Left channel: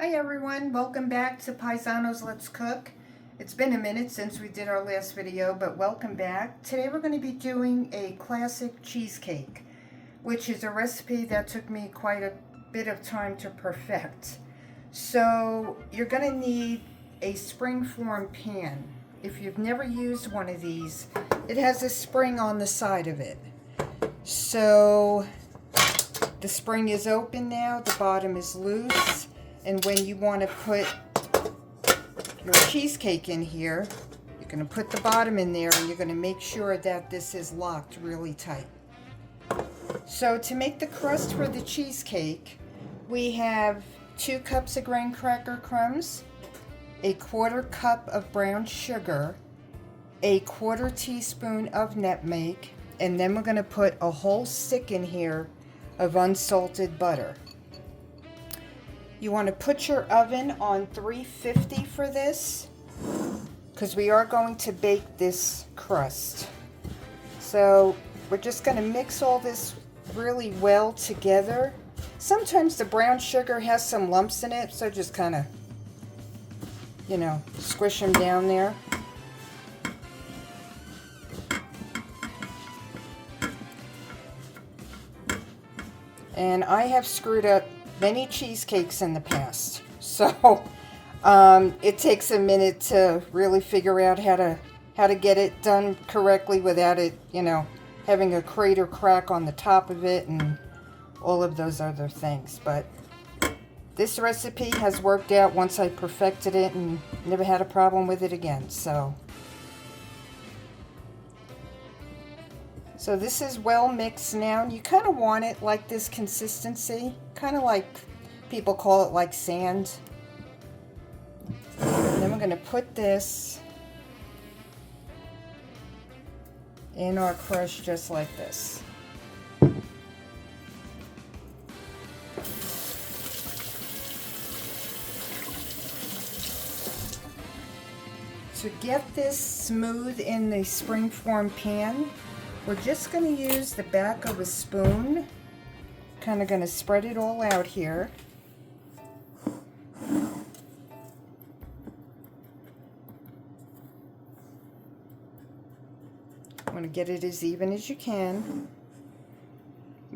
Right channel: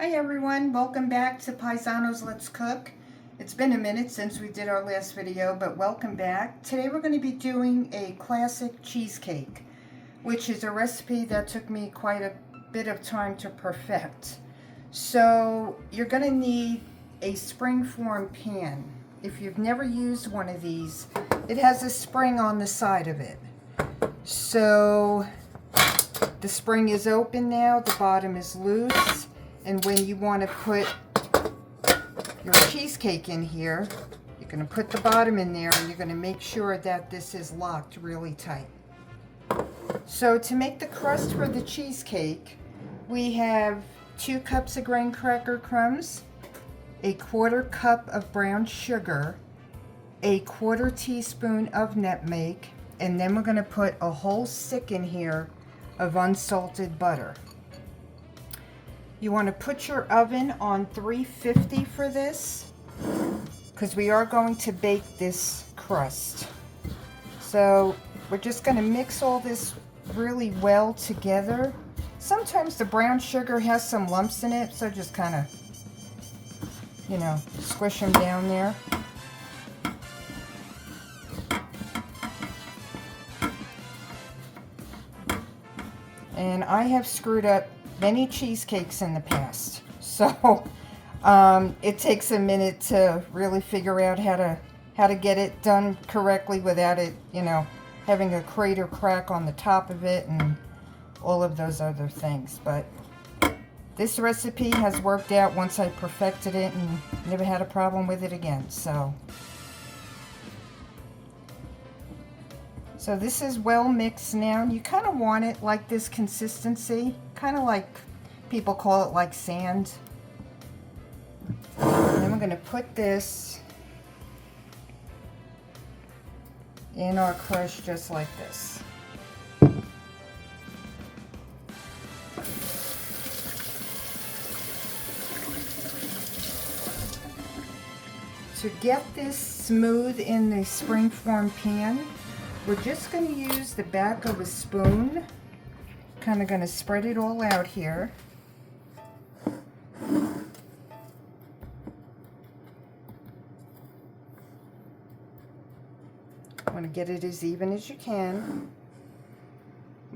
Hi everyone, welcome back to Paisanos Let's Cook. It's been a minute since we did our last video, but welcome back. Today we're going to be doing a classic cheesecake, which is a recipe that took me quite a bit of time to perfect. So you're going to need a spring-form pan. If you've never used one of these, it has a spring on the side of it. So the spring is open now, the bottom is loose. And when you want to put your cheesecake in here, you're going to put the bottom in there and you're going to make sure that this is locked really tight. So to make the crust for the cheesecake, we have 2 cups of graham cracker crumbs, a 1/4 cup of brown sugar, a 1/4 teaspoon of nutmeg, and then we're going to put a whole stick in here of unsalted butter. You want to put your oven on 350 for this, because we are going to bake this crust. So we're just going to mix all this really well together. Sometimes the brown sugar has some lumps in it, so just kind of, squish them down there. And I have screwed up many cheesecakes in the past, so it takes a minute to really figure out how to get it done correctly without it, having a crater crack on the top of it and all of those other things. But this recipe has worked out once I perfected it and never had a problem with it again. So this is well mixed now. You kind of want it like this consistency, kind of like people call it like sand. And then we're going to put this in our crush just like this. To get this smooth in the spring-form pan, we're just going to use the back of a spoon. Kind of going to spread it all out here. Want to get it as even as you can.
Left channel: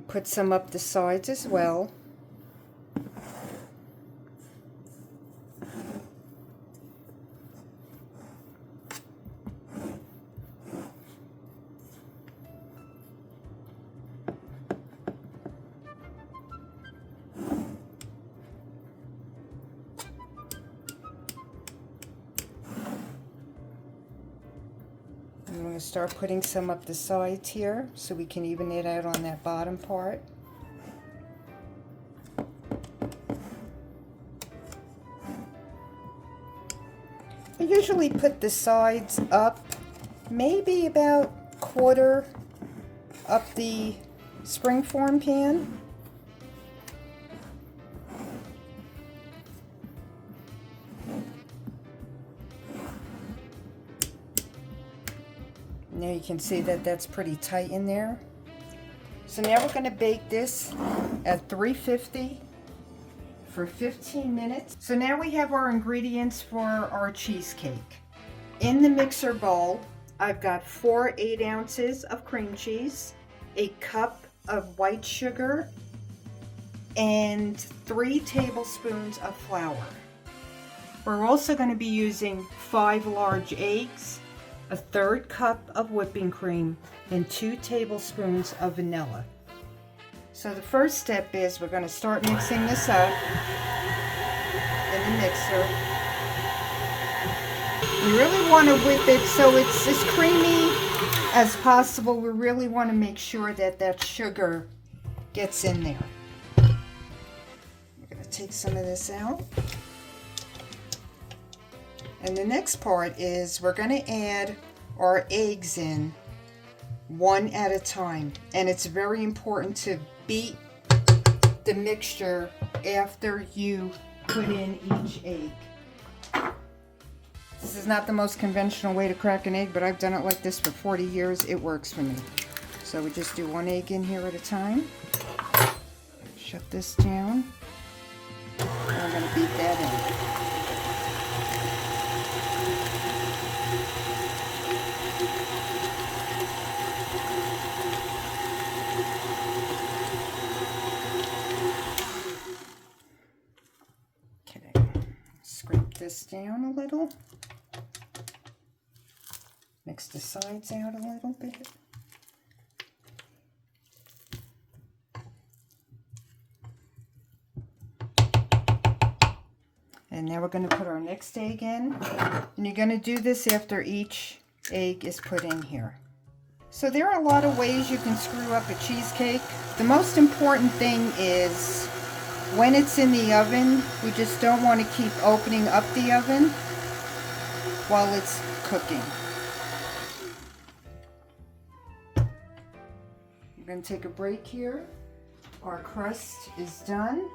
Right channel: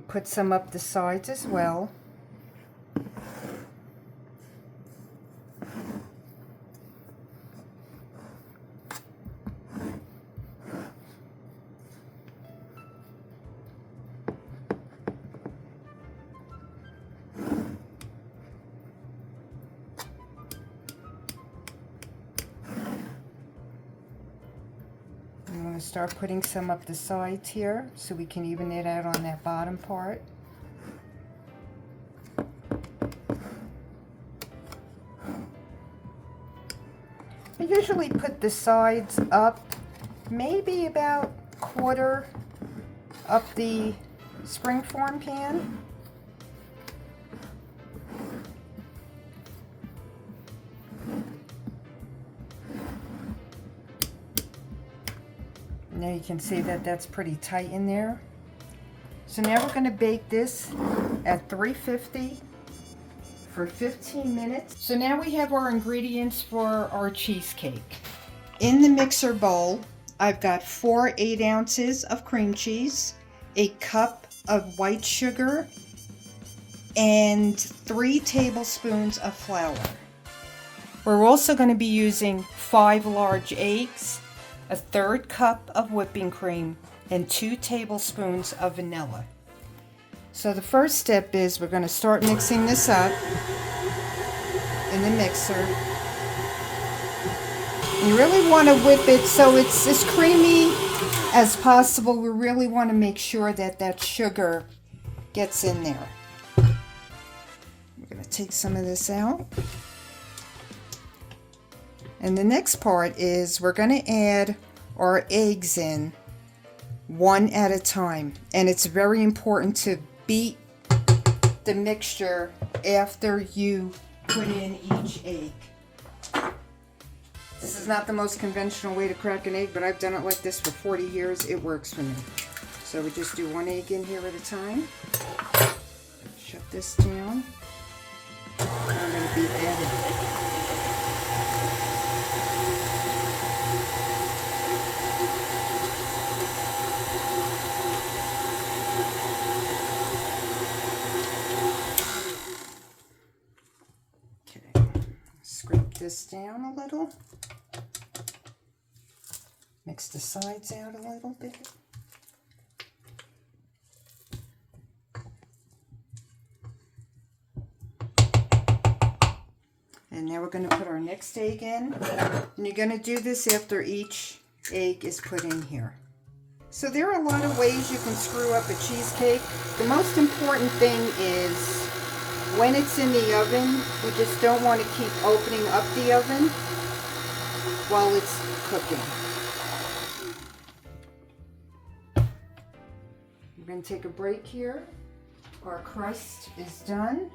Put some up the sides as well. I'm going to start putting some up the sides here so we can even it out on that bottom part. I usually put the sides up maybe about 1/4 up the spring-form pan. Now you can see that that's pretty tight in there. So now we're going to bake this at 350 for 15 minutes. So now we have our ingredients for our cheesecake. In the mixer bowl, I've got 4 8 ounces of cream cheese, a cup of white sugar, and 3 tablespoons of flour. We're also going to be using 5 large eggs, a 1/3 cup of whipping cream, and 2 tablespoons of vanilla. So the first step is we're going to start mixing this up in the mixer. You really want to whip it so it's as creamy as possible. We really want to make sure that that sugar gets in there. We're going to take some of this out. And the next part is we're going to add our eggs in one at a time. And it's very important to beat the mixture after you put in each egg. This is not the most conventional way to crack an egg, but I've done it like this for 40 years. It works for me. So we just do 1 egg in here at a time. Shut this down. I'm going to beat that this down a little. Mix the sides out a little bit. And now we're going to put our next egg in. And you're going to do this after each egg is put in here. So there are a lot of ways you can screw up a cheesecake. The most important thing is when it's in the oven, we just don't want to keep opening up the oven while it's cooking. We're going to take a break here. Our crust is done.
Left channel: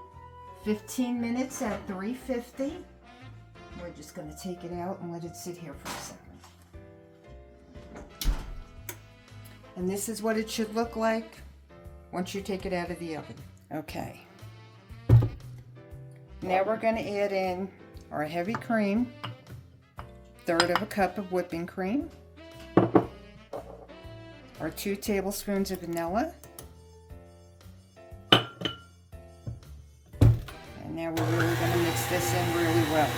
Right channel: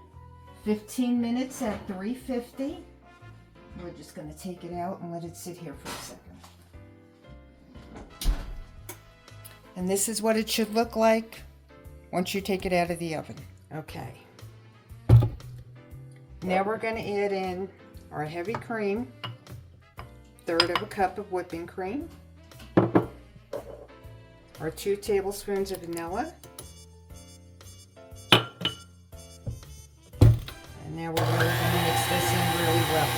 15 minutes at 350. We're just going to take it out and let it sit here for a second. And this is what it should look like once you take it out of the oven. Okay. Now we're going to add in our heavy cream, 1/3 of a cup of whipping cream, our 2 tablespoons of vanilla, and now we're really going to mix this in really well.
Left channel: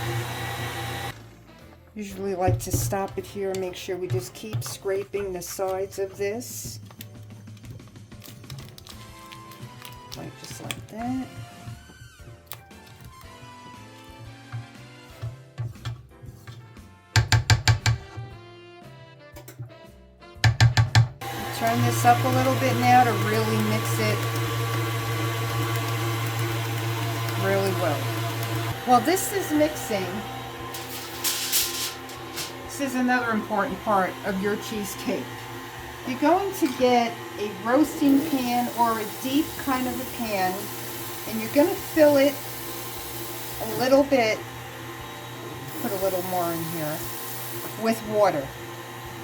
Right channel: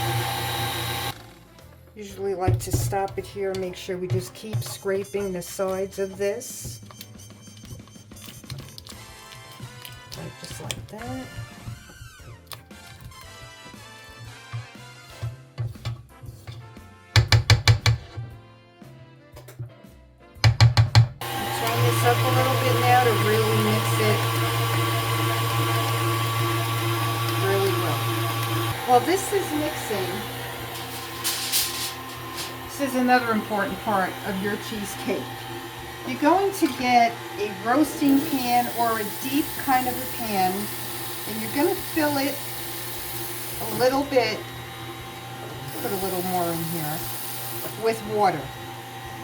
Usually like to stop it here, make sure we just keep scraping the sides of this. Right, just like that. Turn this up a little bit now to really mix it really well. While this is mixing, this is another important part of your cheesecake. You're going to get a roasting pan or a deep kind of a pan, and you're going to fill it a little bit, put a little more in here, with water.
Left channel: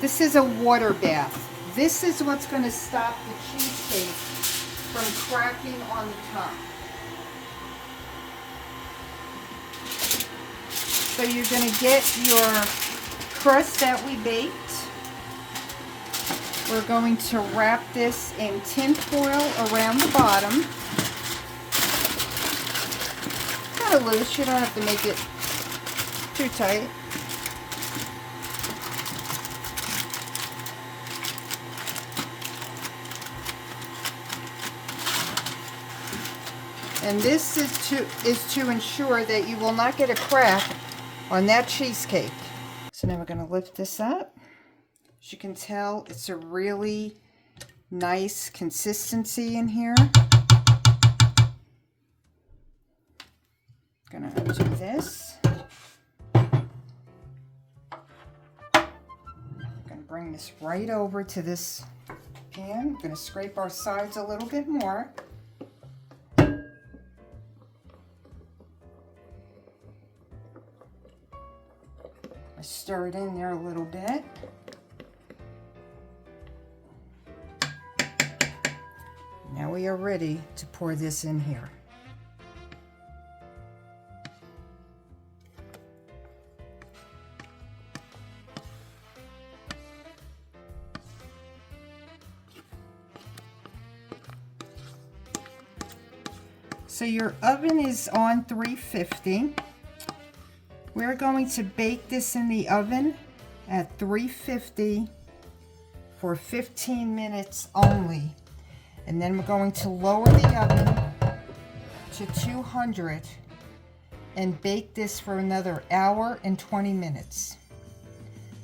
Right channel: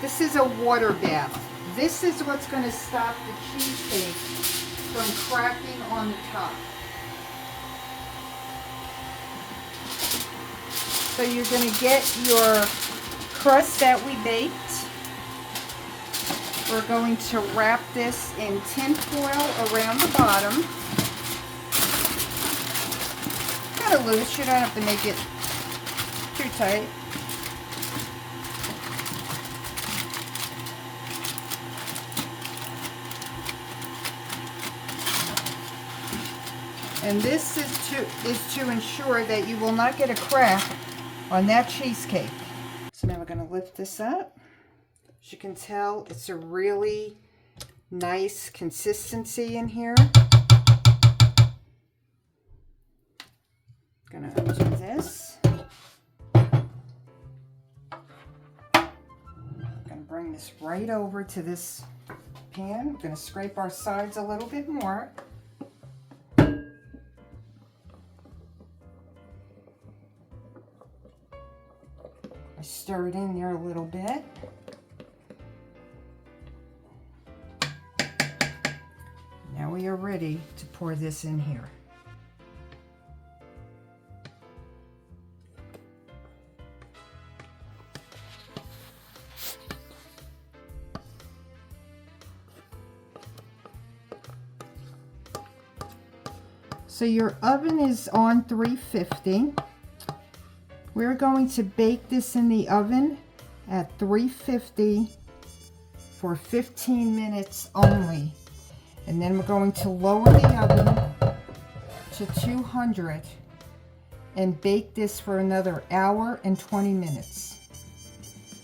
This is a water bath. This is what's going to stop the cheesecake from cracking on the top. So you're going to get your crust that we baked. We're going to wrap this in tin foil around the bottom. Kind of loose, you don't have to make it too tight. And this is to ensure that you will not get a crack on that cheesecake. So now we're going to lift this up. As you can tell, it's a really nice consistency in here. Going to undo this. I'm going to bring this right over to this pan. I'm going to scrape our sides a little bit more. I stir it in there a little bit. Now we are ready to pour this in here. So your oven is on 350. We're going to bake this in the oven at 350 for 15 minutes only. And then we're going to lower the oven to 200 and bake this for another hour and 20 minutes.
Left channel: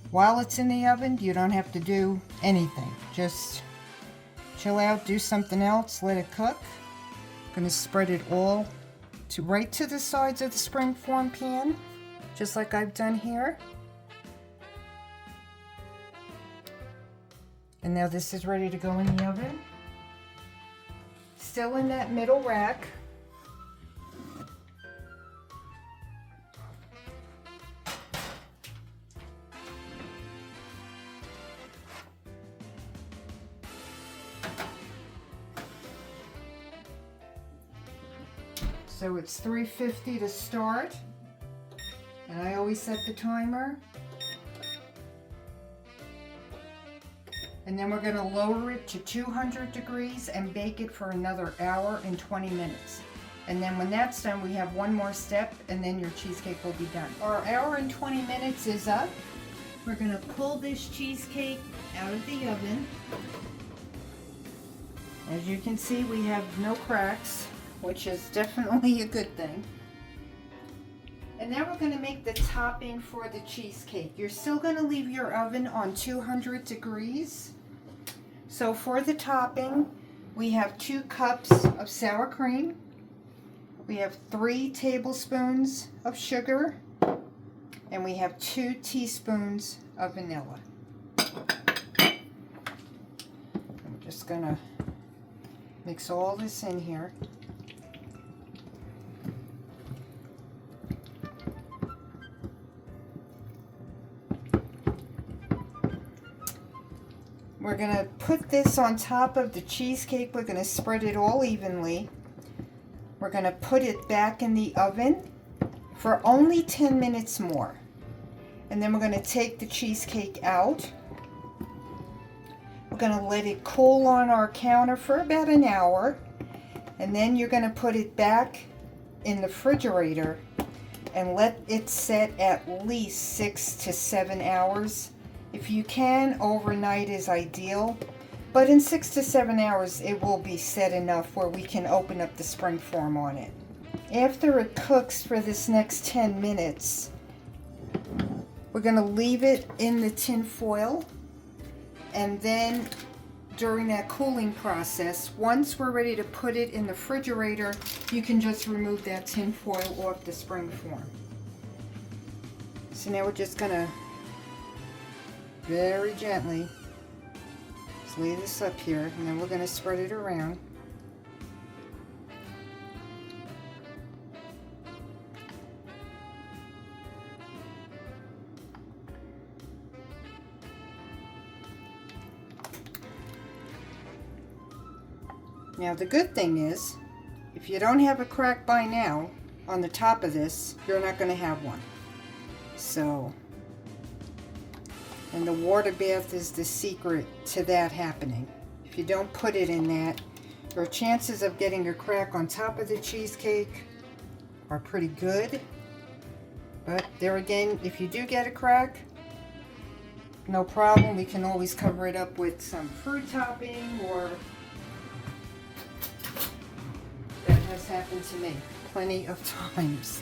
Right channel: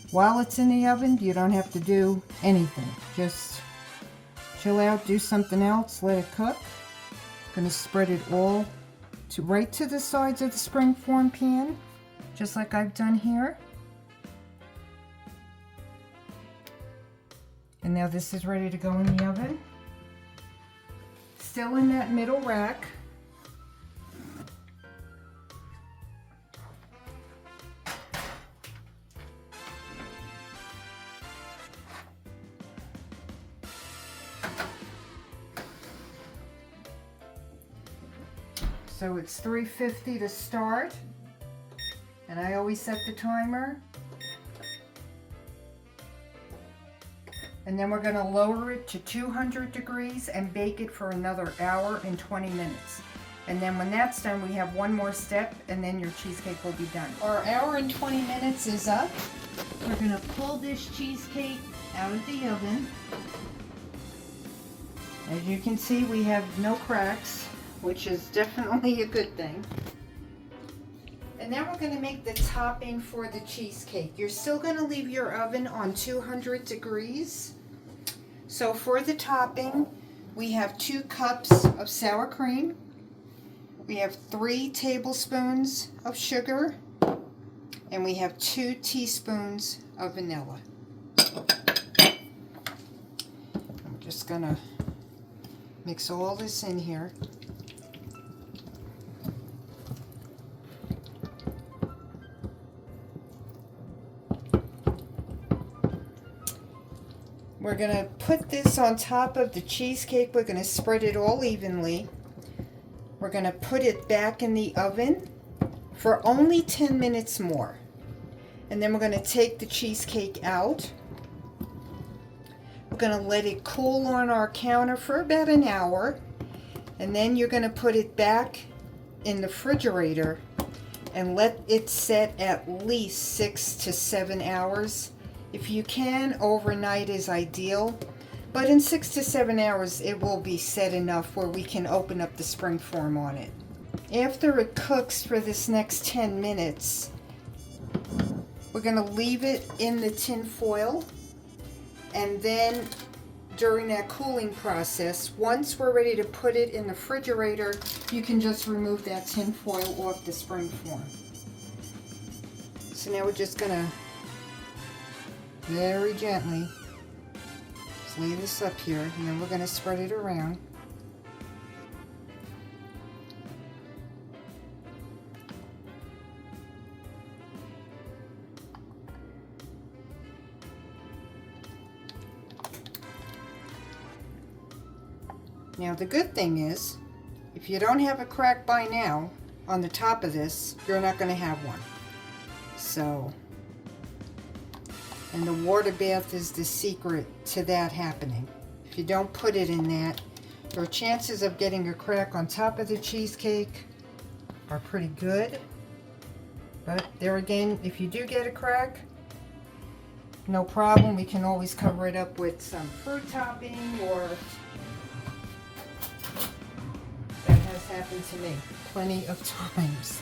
While it's in the oven, you don't have to do anything. Just chill out, do something else, let it cook. I'm going to spread it all right to the sides of the springform pan, just like I've done here. And now this is ready to go in the oven. Still in that middle rack. So it's 350 to start, and I always set the timer. And then we're going to lower it to 200 degrees and bake it for another hour and 20 minutes. And then when that's done, we have one more step, and then your cheesecake will be done. Our hour and 20 minutes is up. We're gonna pull this cheesecake out of the oven. As you can see, we have no cracks, which is definitely a good thing. And now we're gonna make the topping for the cheesecake. You're still gonna leave your oven on 200 degrees. So for the topping, we have 2 cups of sour cream. We have 3 tablespoons of sugar, and we have 2 teaspoons of vanilla. I'm just gonna mix all this in here. We're gonna put this on top of the cheesecake. We're gonna spread it all evenly. We're going to put it back in the oven for only 10 minutes more. And then we're going to take the cheesecake out. We're going to let it cool on our counter for about an hour. And then you're going to put it back in the refrigerator and let it set at least 6 to 7 hours. If you can, overnight is ideal. But in 6 to 7 hours, it will be set enough where we can open up the spring form on it. After it cooks for this next 10 minutes, we're going to leave it in the tin foil. And then during that cooling process, once we're ready to put it in the refrigerator, you can just remove that tin foil off the spring form. So now we're just going to very gently lay this up here, and then we're going to spread it around. Now the good thing is, if you don't have a crack by now on the top of this, you're not going to have one. So, and the water bath is the secret to that happening. If you don't put it in that, your chances of getting a crack on top of the cheesecake are pretty good. But there again, if you do get a crack, no problem. We can always cover it up with some fruit topping, or that has happened to me plenty of times.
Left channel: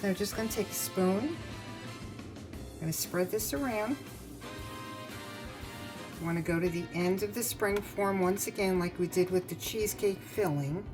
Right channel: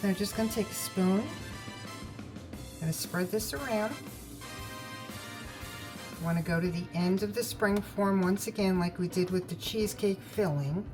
So I'm just going to take a spoon. I'm going to spread this around. I want to go to the end of the spring form once again, like we did with the cheesecake filling.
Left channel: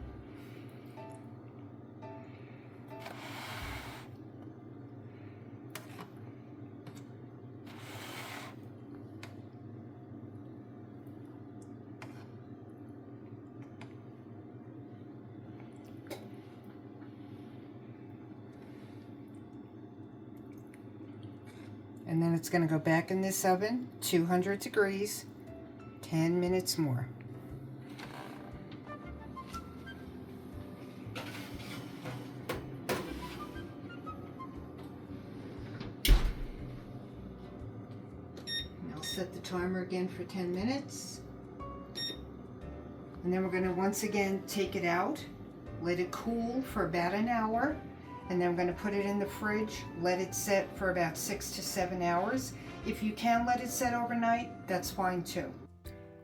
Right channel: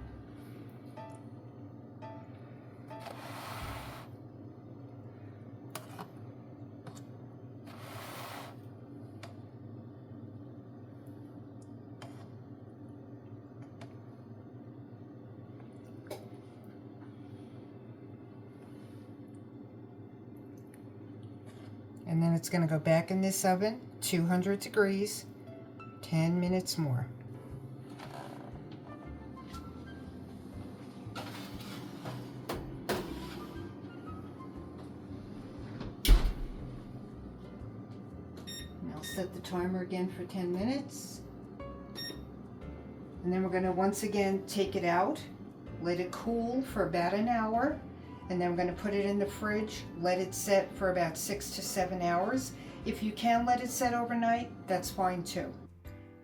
And then it's going to go back in this oven, 200 degrees, 10 minutes more. And I'll set the timer again for 10 minutes. And then we're going to once again take it out, let it cool for about an hour. And then we're going to put it in the fridge, let it set for about 6 to 7 hours. If you can let it set overnight, that's fine too.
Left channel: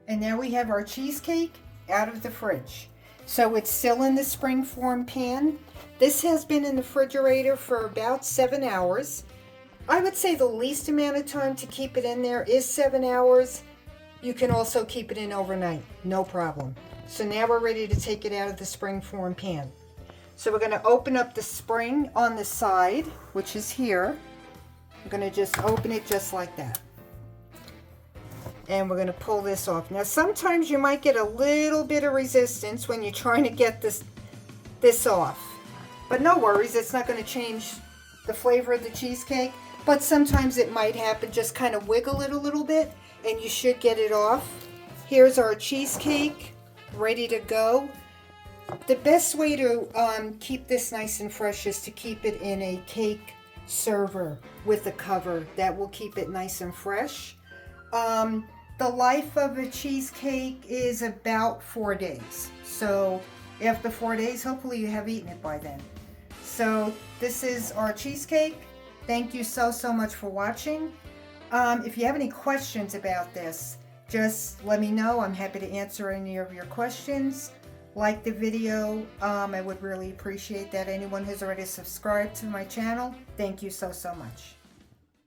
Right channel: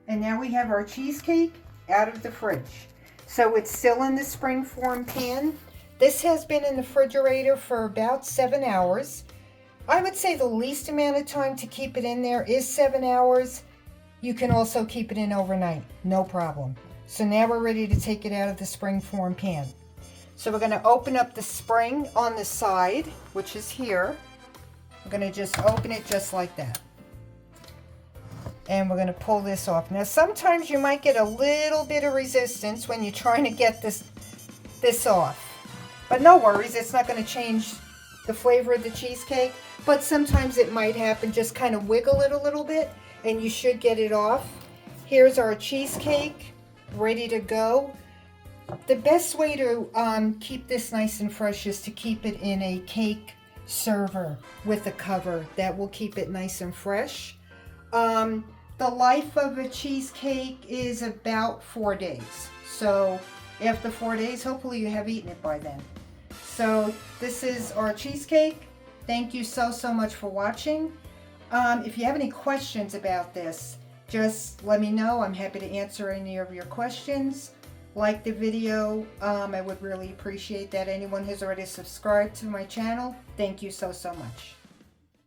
And now we have our cheesecake out of the fridge. So it's still in the spring form pan. This has been in the refrigerator for about 7 hours. I would say the least amount of time to keep it in there is 7 hours. You can also keep it in overnight, no problem. So now we're ready to take it out of the spring form pan. So we're going to open up the spring on the side, which is here. We're going to just open it just like that. And we're going to pull this off. Now sometimes you might get a little bit of resistance when you're trying to get this off. But no worries, it's not going to change the flavor of the cheesecake. But sometimes it might happen. Just kind of wiggle it a little bit and you should get it off. Here's our cheesecake ready to go. The best way to keep this nice and fresh is to keep it in a cake server with a cover. That will keep it nice and fresh. The life of a cheesecake is about 4 days. So after 4 days. Hopefully you have eaten it by then. So this is our cheesecake. Thank you so much for watching. If you have any questions about this, just let me know. I'm happy to answer any of your questions. Like the video. I would really appreciate that. Anyone who's already subscribed to my channel, thank you so much.